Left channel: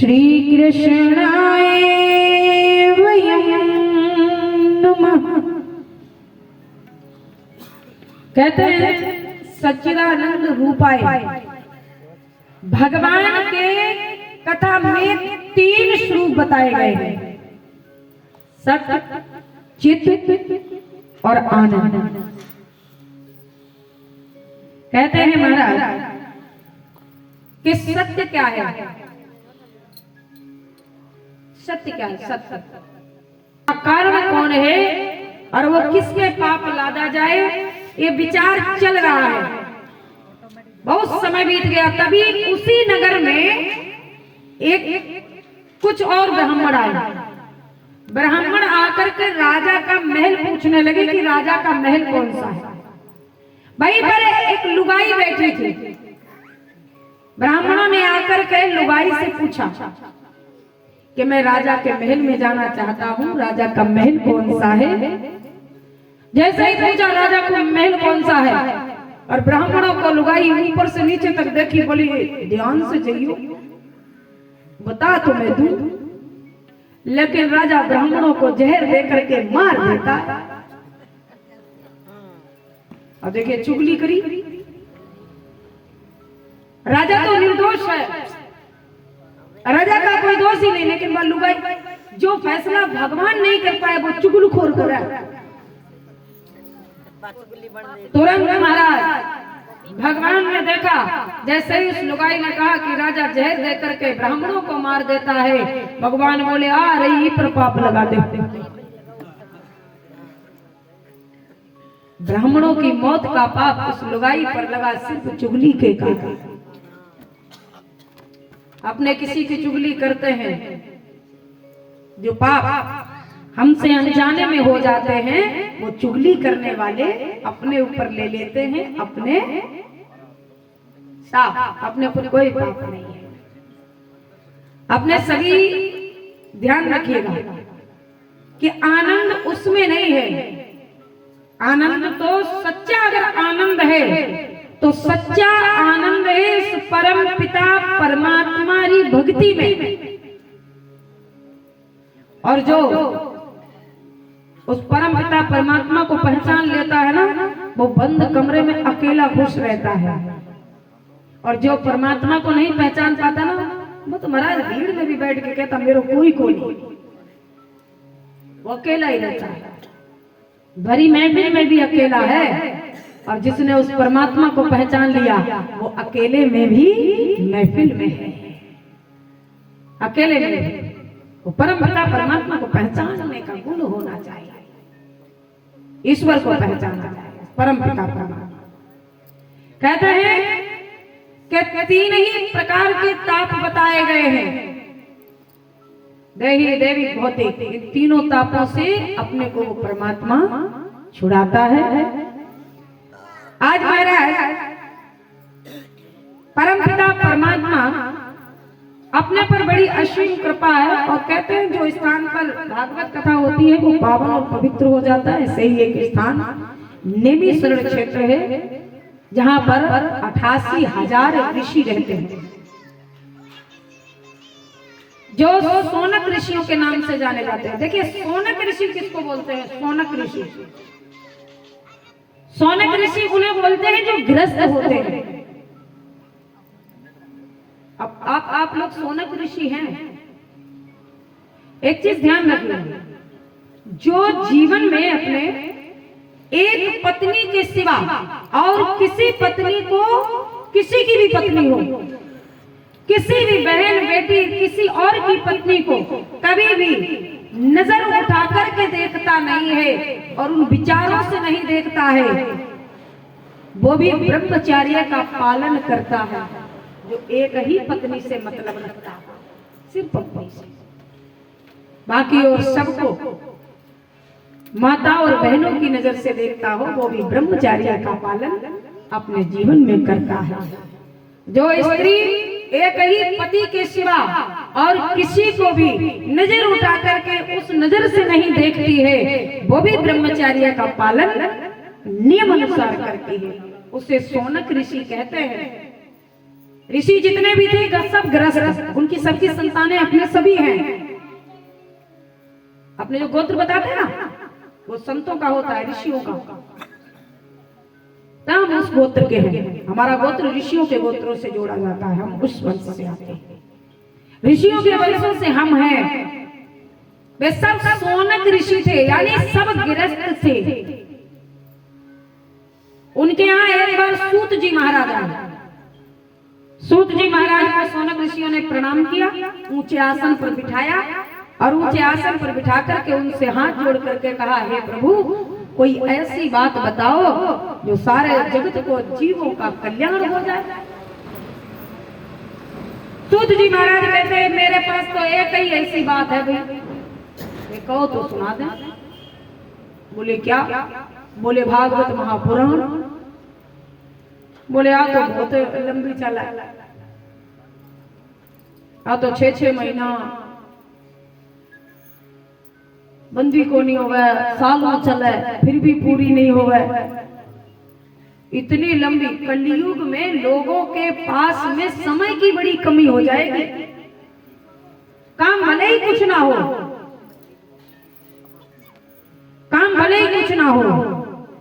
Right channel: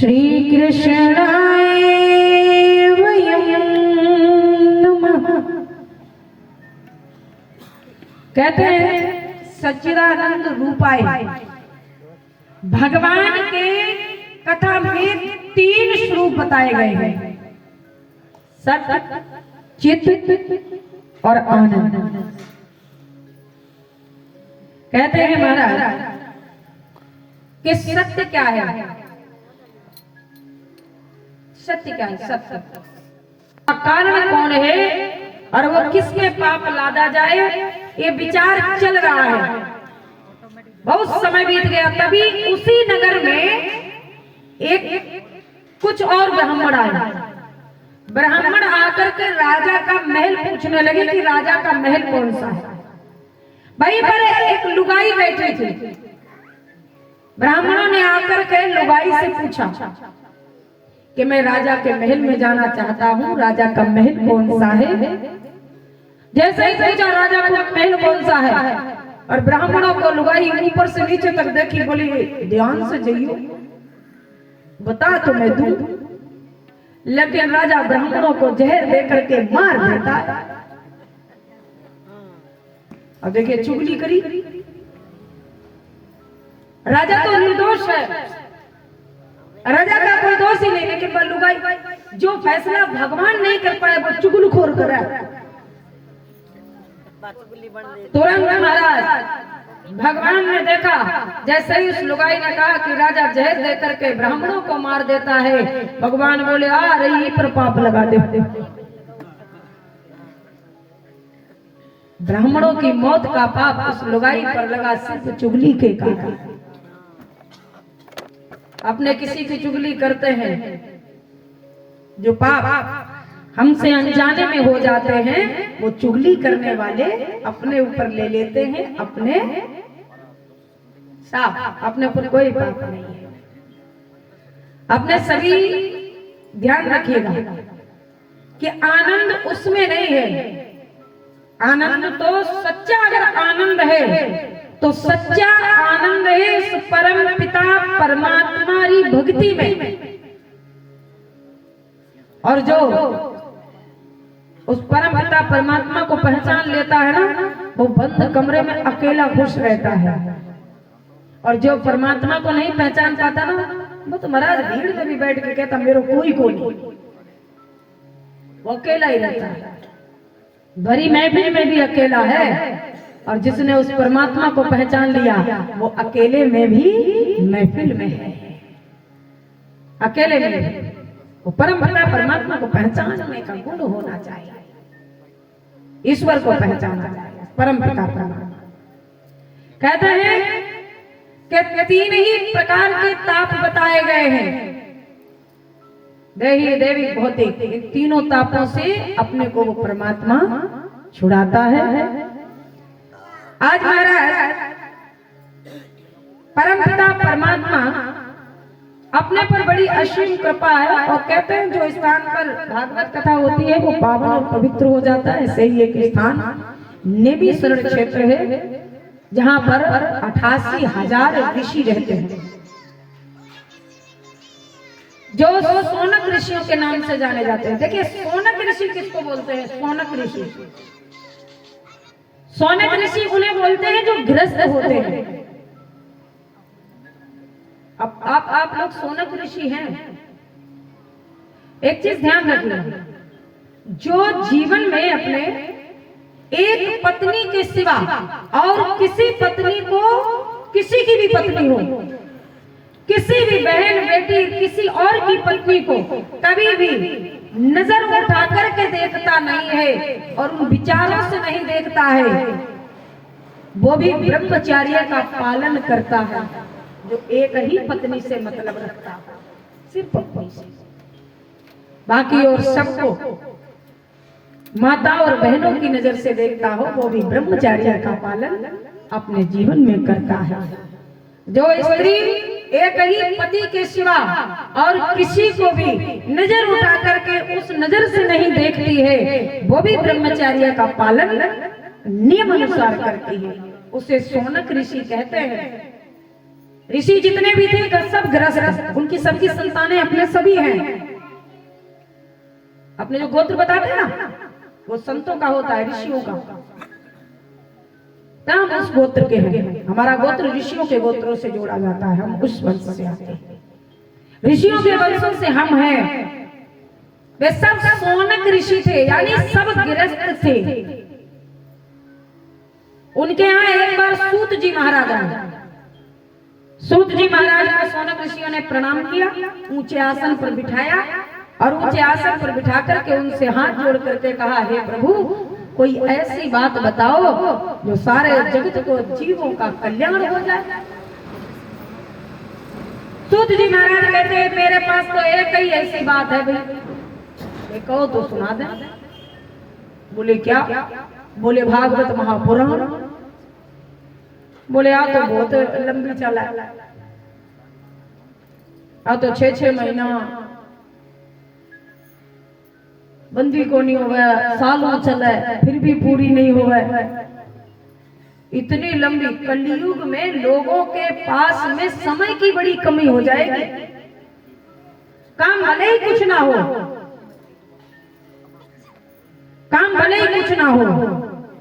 श्री कृष्णाय वयं नमः। कहते हैं सच्चिदानंद रूपाय भगवान के कथा में 3 स्वरूप बताए गए हैं, सत, चित और आनंद। कहते हैं महाराज कि सत्य क्या है, सत्य क्या है, सत्य कारण कौन है और वो किसमें पाप लादा जाए, ये विचार चल रहा है। बहुत समय बीत गया, तभी उसी नगर में एक कुछ और ब्राह्मण आए। ब्राह्मण आकर के राजा का महल पूछने लगे कि राजा का महल कौन सा है। वहीं पर एक लुगाई बैठी थी। ब्राह्मणों ने आकर के लुगाई से पूछा कि मैं राजा के महल में जाना चाहता हूँ, राजा का महल कौन सा है। जैसे ही पूछा राजा का महल कौन सा है, और ब्राह्मणों को लुगाई ऊपर से नीचे तक देखी, बोली ध्यान से जाइयो, बता तो मैं दूं। लेकिन राजा ब्राह्मणों को जहर देकर के मार देता। अब देखिए चुगली करी। राजा तो निर्दोष है, राजा का कोई दोष ही नहीं, लेकिन लुगाई जो फैसला भगवान नहीं कर पाए वो चुगलखोर कर रहा है। तुरंत महाराज भगवान ने देखा, जैसे ही उस लुगाई ने कहा कि राजा जहर देकर के ब्राह्मणों को मार देता है, भगवान बोले आ रही पर पाप लगा दे। ब्राह्मणों की मौत का पाप उस लुगाई पर लगा, सिर्फ चुगली के कारण। अपने किसी की चुगली करते हैं, जो पाप हमसे अनजाने में हो जाते हैं, वो चुगली करने वाले अपने ऊपर ले लेते हैं। अपने साफ, अपने ऊपर कोई पाप नहीं है। अपने सभी ध्यान रखिएगा कि आनंद उसमें नहीं है। आनंद तो सच्चा, अगर आनंद है तो सच्चा आनंद है इस परम पिता परमात्मा की भक्ति में। और जो उस परम पिता परमात्मा को पहचान लेता है ना, वो बंद कमरे में अकेला खुश रहता है। और जो परमात्मा को नहीं पहचान पाता ना, वो तो महाराज भीड़ में भी बैठ के कहता मेरे कोई नहीं, वो अकेला ही रहता है। भरी महफिल में भी अकेला है, और जिसने उस परमात्मा को पहचान लिया वो अकेले में भी महफिल में है। अकेले में वो परम पिता परमात्मा को पहचानने का गुण होना चाहिए, ईश्वर को पहचाना चाहिए, परम पिता परमात्मा। कहते हैं कि 3 ही प्रकार के ताप बताए गए हैं, देही देवी भौतिक। इन तीनों तापों से अपने को वो परमात्मा छुड़ाता है। आज महाराज परम पिता परमात्मा अपने पर बड़ी असीम कृपा है, और कहते हैं जो स्थान पर भागवत कथा होती है वो पावन और पवित्र हो जाता है। ऐसे ही एक स्थान नेमिशरण क्षेत्र है, जहां पर 88,000 ऋषि रहते हैं, जो सोनक ऋषियों के नाम से जाने जाते हैं। देखिए सोनक ऋषि किसको बोलते हैं? सोनक ऋषि, सोनक ऋषि उन्हें बोलते हैं जो गृहस्थ होते हैं। अब आप लोग सोनक ऋषि हैं। एक चीज ध्यान रखिए, जो जीवन में अपने एक पत्नी के सिवा और किसी पत्नी को, किसी की भी पत्नी हो, किसी भी बहन बेटी किसी और की पत्नी को कभी भी नजर उठा करके देखता नहीं है और उन विचारों से नहीं देखता है, वो भी ब्रह्मचर्य का पालन करता है, जो एक ही पत्नी से मतलब रखता है, सिर्फ पत्नी से। बाकी और सबको माता और बहनों की नजर से देखता हो, वो भी ब्रह्मचर्य का पालन अपने जीवन में करता है। जो स्त्री एक ही पति के सिवा और किसी को भी नजर उठा करके उस नजर से नहीं देखती है, वो भी ब्रह्मचर्य का पालन नियम अनुसार करती है, उसे सोनक ऋषि कहते हैं। ऋषि जितने भी थे सब गृहस्थ, उनकी सबकी संतानें अपने सभी हैं। अपने जो गोत्र बताते हैं ना वो संतों का होता है, ऋषियों का। हम उस गोत्र के हैं, हमारा गोत्र ऋषियों के गोत्रों से जोड़ा जाता है, हम उस वंश से आते हैं, ऋषियों के वंशों से हम हैं। वे सब सोनक ऋषि थे, यानी सब गृहस्थ थे। उनके यहाँ एक बार सूत जी महाराज आए। सूत जी महाराज को सोनक ऋषियों ने प्रणाम किया, ऊंचे आसन पर बिठाया और ऊंचे आसन पर बिठा करके उनसे हाथ जोड़ करके कहा, हे प्रभु कोई ऐसी बात बताओ जो सारे जगत को जीवों का कल्याण हो जाए। सूत जी महाराज कहते हैं मेरे पास तो एक ही ऐसी बात है भाई, कहो तो सुना दे। बोले क्या? बोले भागवत महापुराण। बोले तो बहुत लंबी चला, तो 6-6 महीना बंदी को नहीं होगा, सालों चला फिर भी पूरी नहीं होगा। इतनी लंबी, कलयुग में लोगों के पास में समय की बड़ी कमी हो जाएगी। काम भले ही कुछ ना हो, काम भले ही कुछ ना हो,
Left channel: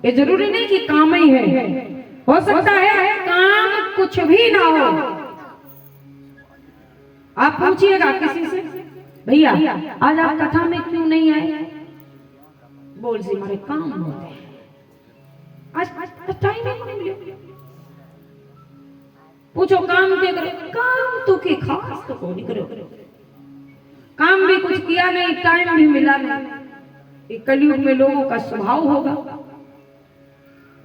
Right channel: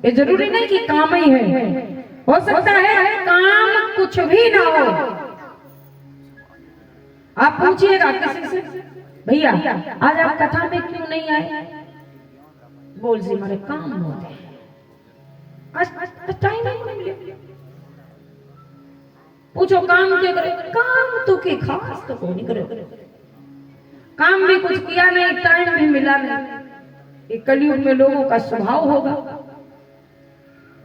ये जरूरी नहीं कि काम ही है, हो सकता है काम कुछ भी ना हो। आप पूछिएगा किसी से, भैया आज आप कथा में क्यों नहीं आए? बोल से हमारे काम होते हैं, आज टाइम नहीं मिले। पूछो काम क्या करो? काम तो के खास तो नहीं करो, काम भी कुछ किया नहीं, टाइम भी मिला नहीं। ये कलयुग में लोगों का स्वभाव होगा।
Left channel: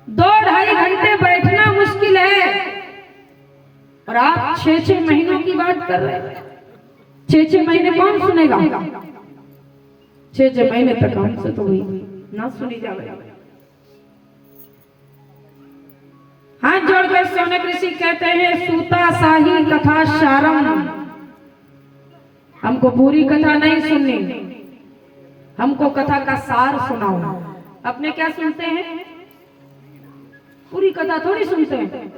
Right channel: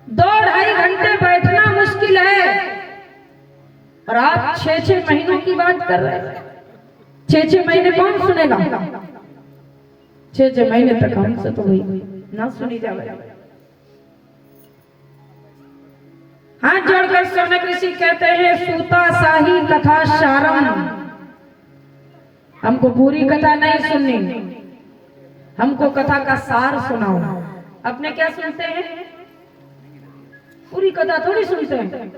2-2.5 घंटे बैठना मुश्किल है और आप 6-6 महीनों की बात कर रहे हैं। 6-6 महीने कौन सुनेगा? 6-6 महीने तक हमसे तो वही ना सुनी जाए। हाथ जोड़कर सोनक ऋषि कहते हैं, सूता साही कथा सारम। हमको पूरी कथा नहीं सुननी, हमको कथा का सार सुनाओ। अपने क्या सुनते हैं? पूरी कथा थोड़ी सुनते हैं,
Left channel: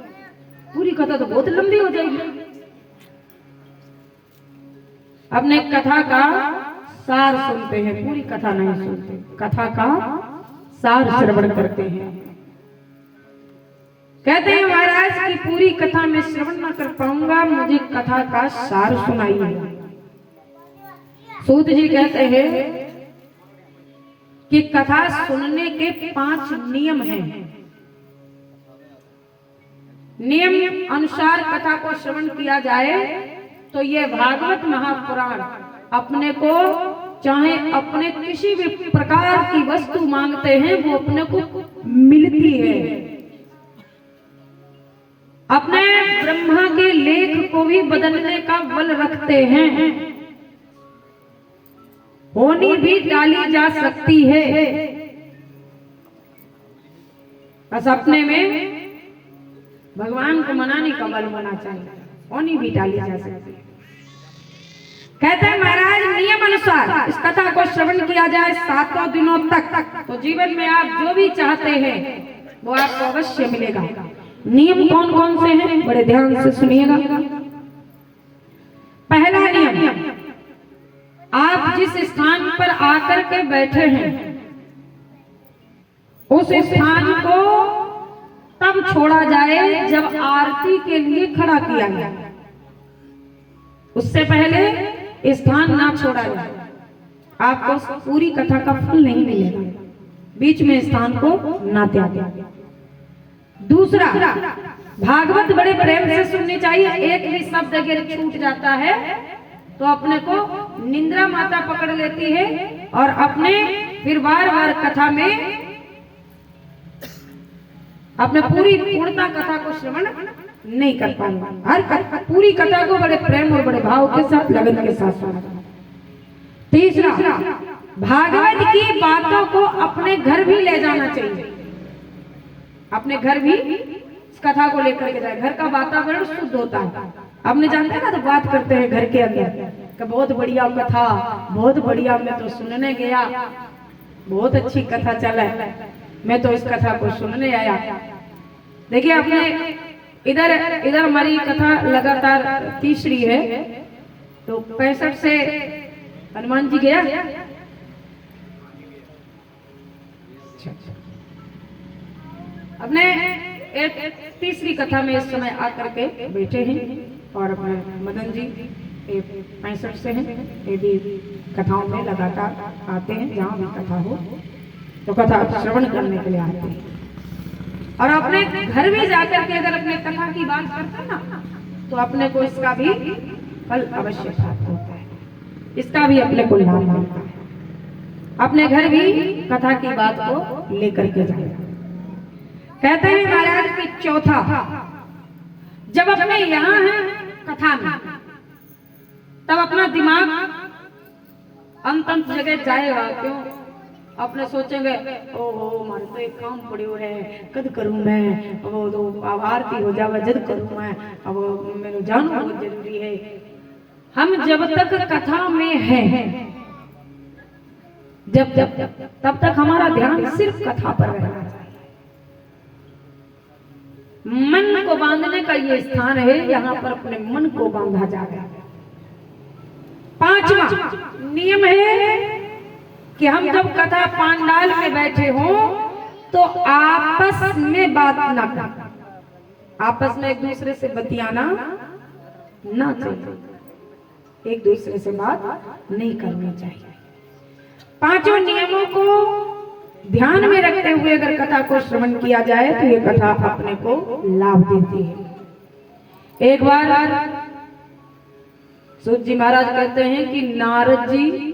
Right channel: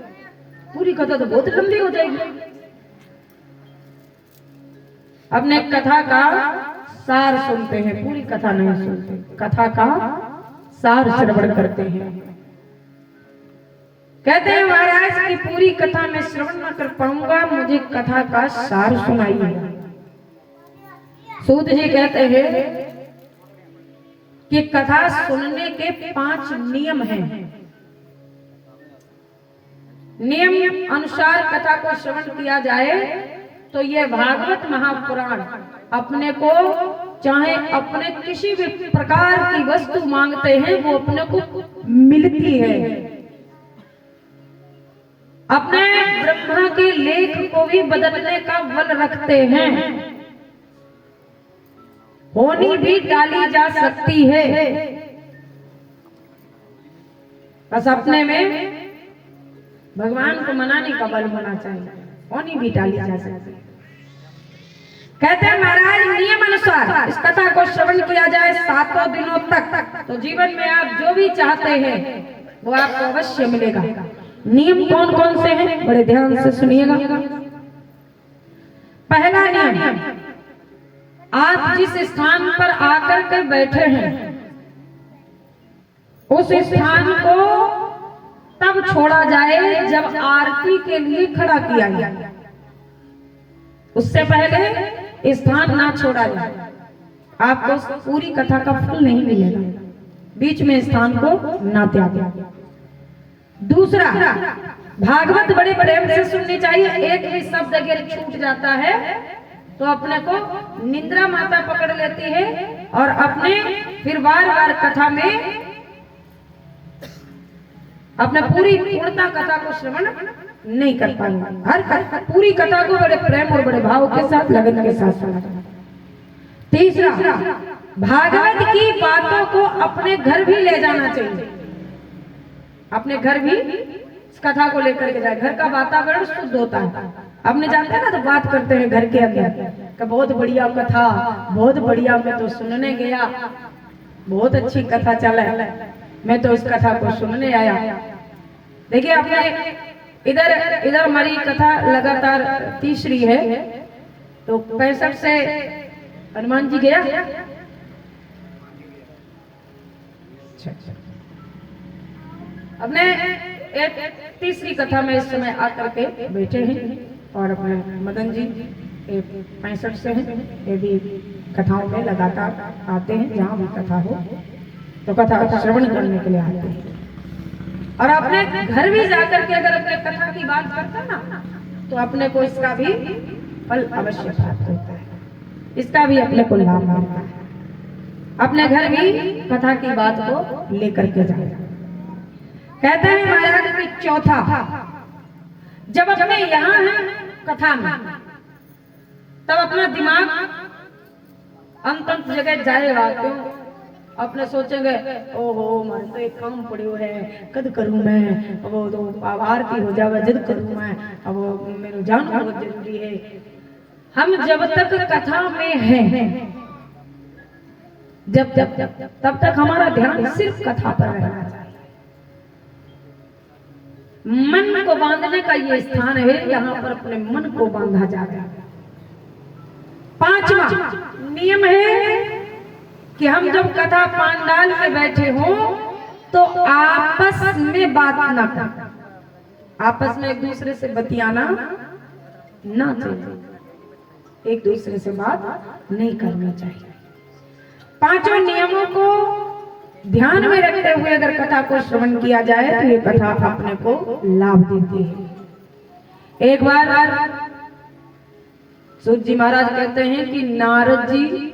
पूरी कथा तो बहुत लंबी हो जाएगी। अपने कथा का सार सुनते हैं, पूरी कथा नहीं सुनते, कथा का सार श्रवण करते हैं। कहते हैं महाराज की पूरी कथा में श्रवण न कर पाऊंगा, मुझे कथा का सार सुनाइए। सूत जी कहते हैं कि कथा सुनने के 5 नियम हैं। नियम अनुसार कथा को श्रवण किया जाए तो ये भागवत महापुराण अपने को, चाहे अपने किसी भी प्रकार की वस्तु मांगते हैं वो अपने को मिलती है। अपने ब्रह्मा के लेख को भी बदलने का बल रखते हैं। होनी भी डाली जा सकती है, बस अपने में भगवान को मनाने का बल होना चाहिए। होनी भी डाली जा सकती है। कहते हैं महाराज नियम अनुसार इस कथा को श्रवण किया जाए 7 दिनों तक, तो जीवन में आप जो भी चाहते हैं वो आपको अवश्य मिलेगा। नियम कौन कौन से हैं? बड़े ध्यान से सुनिएगा। पहला नियम, आप जिस स्थान पर आकर के बैठे हैं उस स्थान को तब छोड़ा जाए जब आरती के लिए खड़ा किया जाए। उससे पहले स्थान ना छोड़ा जाए, आपको पूरी कथा का फल नहीं मिलेगा। बीच में स्थान को ना त्यागें। दूसरा, भागवत बड़े प्रेम से सुननी चाहिए। एक भी शब्द अगर छूट जाता है तो अपने को निंद्रा माता पकड़ लेती है और अपने फिर बार कथा में अपने पूरी पूर्णता कथा को श्रवण नहीं कर पाएंगे। हर पूरी कथा को बड़े प्रेम और बड़े भाव के साथ, लगन के साथ सुना। तीसरा, भागवत की बातों को अपने घर भी ले जाना चाहिए। अपने घर भी इस कथा को लेकर के जाए। घर का वातावरण शुद्ध होता है। आपने जानते हैं ना, तो बात करते हैं घर के अंदर कि बहुत बढ़िया कथा, बहुत बढ़िया, मैं तो सुनने गया, बहुत अच्छी कथा चला, मैं तो इस कथा को सुनने आया। देखिए, अपने इधर इधर हमारी कथा लगातार तीसरी है, तो 65 से हनुमान जी गया। अपने एक तीसरी कथा में इस समय आकर के बैठे हैं और अपने मदन जी 65 से हैं, ये भी कथाओं में लगातार आते हैं, जहाँ भी कथा हो तो कथा श्रवण करने के लिए आते हैं। और अपने घर भी जाकर के अगर अपने कथा की बात करते हैं ना, तो अपने को इसका भी फल अवश्य प्राप्त होता है, इसका भी अपने को लाभ मिलता है। अपने घर भी कथा की बात को लेकर के जाए। कहते हैं महाराज कि चौथा, जब अपने यहाँ है कथा में, तब अपना दिमाग अंत जगह जाएगा। क्यों? अपने सोचेंगे ओहो मारे तो एक काम पड़ो है, कद करूं मैं, अब वो तो आभारती हो जाएगा, जद करूं मैं, अब मेरे जानना बहुत जरूरी है। हम जब तक कथा में हैं, जब तब तक हमारा ध्यान सिर्फ कथा पर रहना चाहिए। मन को बांधने का ये स्थान है, यहाँ पर अपने मन को बांधा जाए। पांचवा नियम है कि हम जब कथा पांडाल में बैठे हों तो आपस में बात ना करें, आपस में एक दूसरे से बतियाना ना चाहिए, एक दूसरे से बात नहीं करनी चाहिए। पांचों नियमों को ध्यान में रखते हुए अगर कथा को श्रवण किया जाए तो ये कथा अपने को लाभ देती है। एक बार सूत जी महाराज कहते हैं कि नारद जी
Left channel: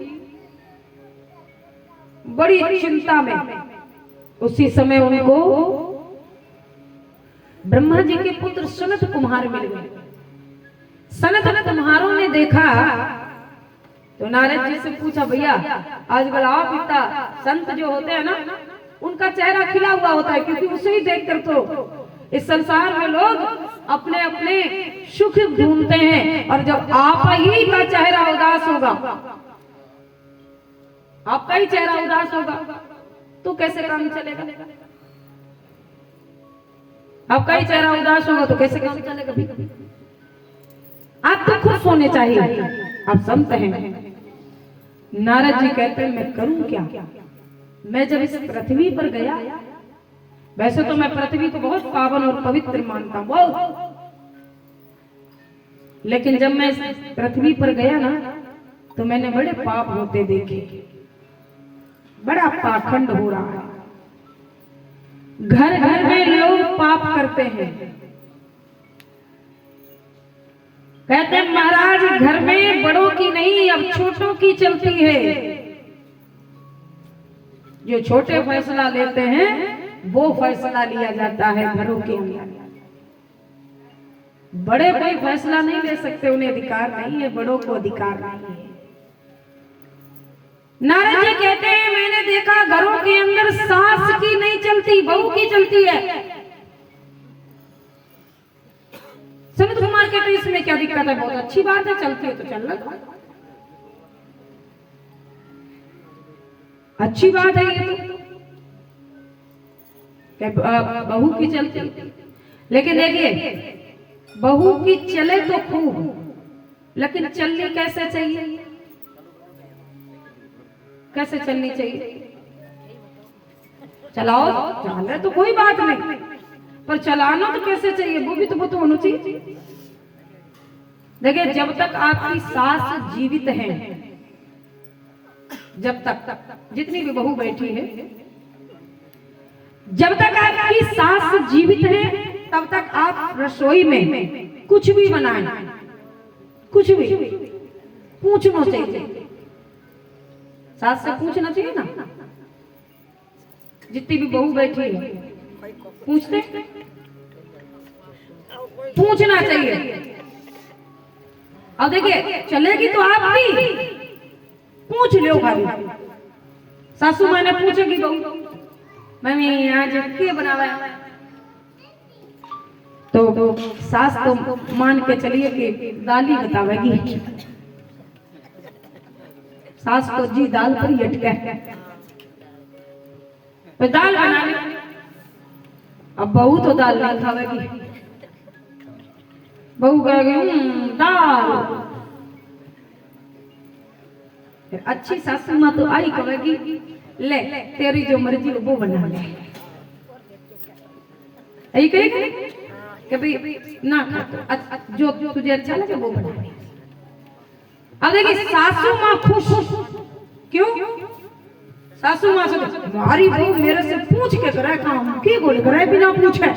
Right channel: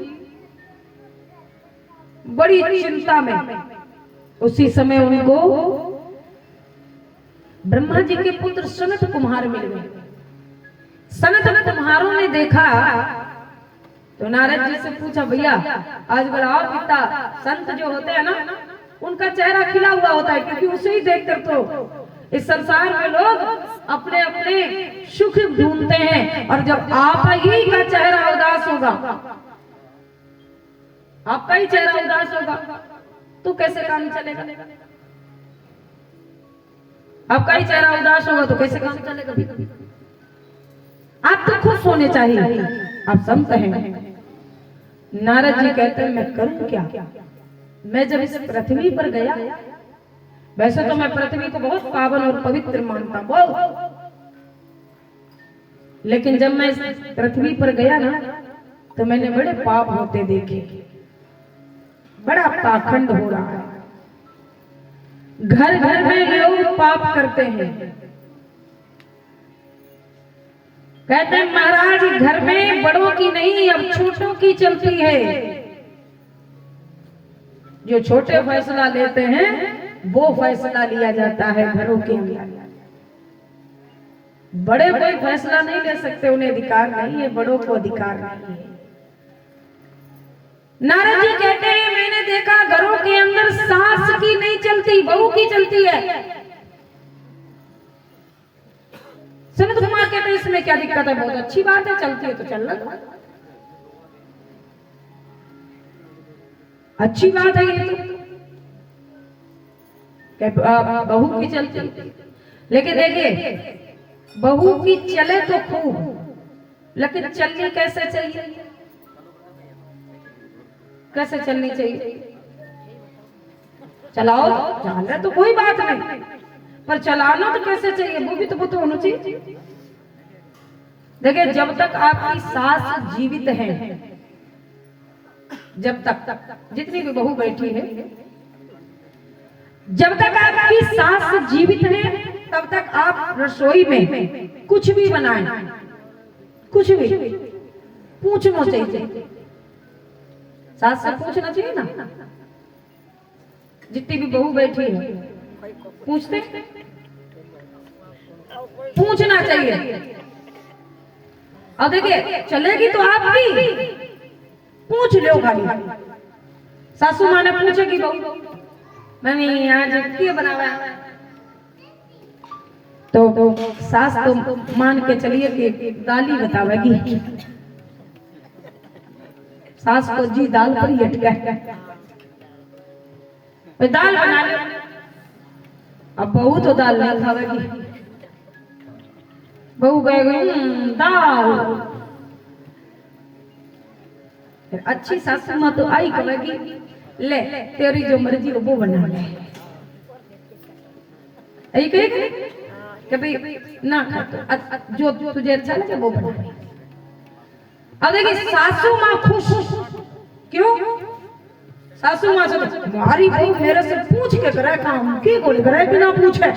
बड़ी चिंता में, उसी समय उनको ब्रह्मा जी के पुत्र सनत कुमार मिल गए। सनत कुमारों ने देखा तो नारद जी से पूछा, भैया आज बताओ, पिता संत जो होते हैं ना, उनका चेहरा खिला हुआ होता है, क्योंकि उसे ही देखकर तो इस संसार में लोग अपने अपने सुख ढूंढते हैं। और जब आप ही का चेहरा उदास होगा, आपका ही चेहरा उदास होगा, तो कैसे काम चलेगा? आपका ही चेहरा उदास होगा तो कैसे काम चलेगा? आप तो खुश होने चाहिए, आप संत हैं। नारद जी कहते हैं मैं करूं क्या? मैं जब इस पृथ्वी पर गया, वैसे तो मैं पृथ्वी को बहुत पावन और पवित्र मानता हूं, लेकिन जब मैं इस पृथ्वी पर गया ना, तो मैंने बड़े पाप होते देखे, बड़ा पाखंड हो रहा है। घर घर में लोग पाप करते हैं। कहते हैं महाराज घर में बड़ों की नहीं, अब छोटों की चलती है। जो छोटे फैसला लेते हैं वो फैसला लिया जाता है घरों के लिए। बड़े कोई फैसला नहीं ले सकते, उन्हें अधिकार नहीं है, बड़ों को अधिकार नहीं है। नारद जी कहते हैं मैंने देखा घरों के अंदर सास की नहीं चलती, बहू की चलती है। सनत कुमार कहते हैं इसमें क्या दिक्कत है? बहुत अच्छी बात है, चलती है तो चलना दो, अच्छी बात है ये तो, बहू की चलती। लेकिन देखिए बहू की चले तो खूब, लेकिन चलनी कैसे चाहिए? कैसे चलनी चाहिए? चलाओ, चल रहा तो कोई बात नहीं, पर चलाना तो कैसे चाहिए वो भी तो वो तो होना चाहिए। देखिए जब तक आपकी सास जीवित है, जब तक जितनी भी बहू बैठी है, जब तक आपकी सास जीवित है तब तक आप रसोई में कुछ भी बनाएं, कुछ भी पूछना चाहिए, सास से पूछना चाहिए ना। जितनी भी बहू बैठी है पूछते, पूछना चाहिए। अब देखिए चलेगी तो आप भी पूछ लो खाली। सासू माँ ने पूछेगी बहू मम्मी आज क्या बनावा है, तो सास तो मान के चलिए कि दाल ही बतावेगी। सास को जी दाल पर ही अटका है, दाल बना ले। अब बहू तो दाल नहीं खावेगी, बहू कहेगी दाल। फिर अच्छी सासू माँ तो आई कहेगी ले तेरी जो मर्जी हो वो बना ले। आई कहेगी कि भाई ना खा तो जो तुझे अच्छा लगे वो बना ले। अब देखिए सासू माँ खुश क्यों? सासू माँ से तुम्हारी बहू मेरे से पूछ के करे काम की बोले करे बिना पूछे